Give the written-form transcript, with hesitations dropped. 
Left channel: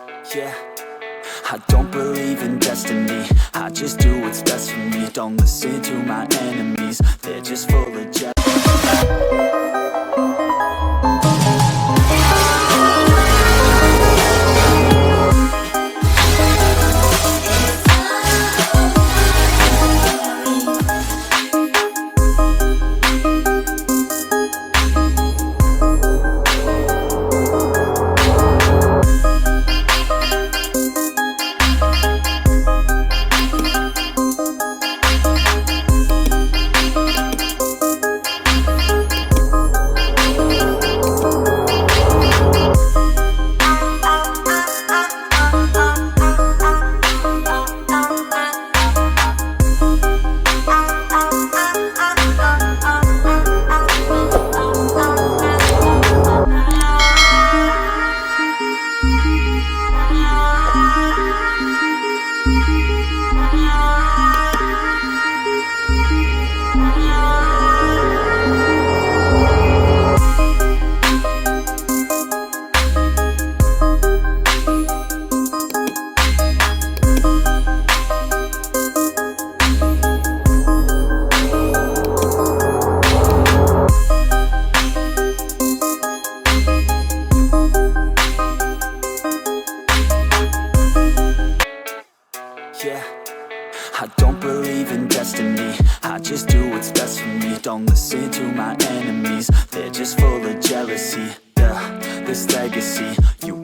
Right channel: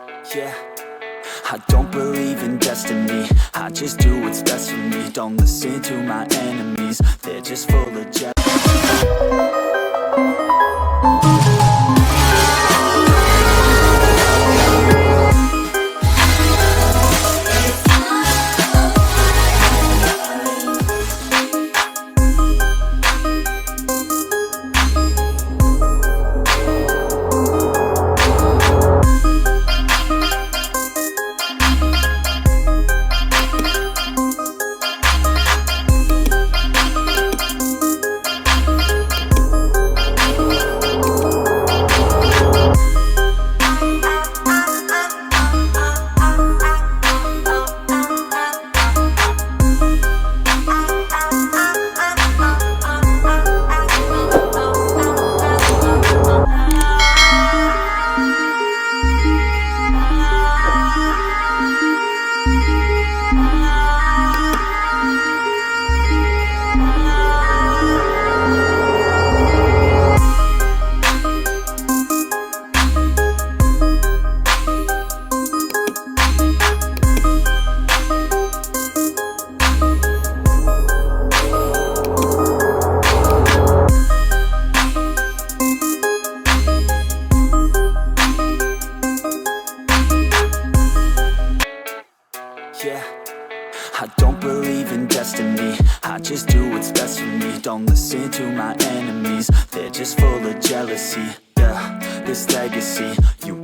Yeah, I don't believe in destiny. I just do what's best for me. Don't listen to my enemies, they're just full of jealousy. Yeah, I don't believe in destiny. I just do what's best for me. Don't listen to my enemies, they're just full of jealousy. Yeah, this legacy, you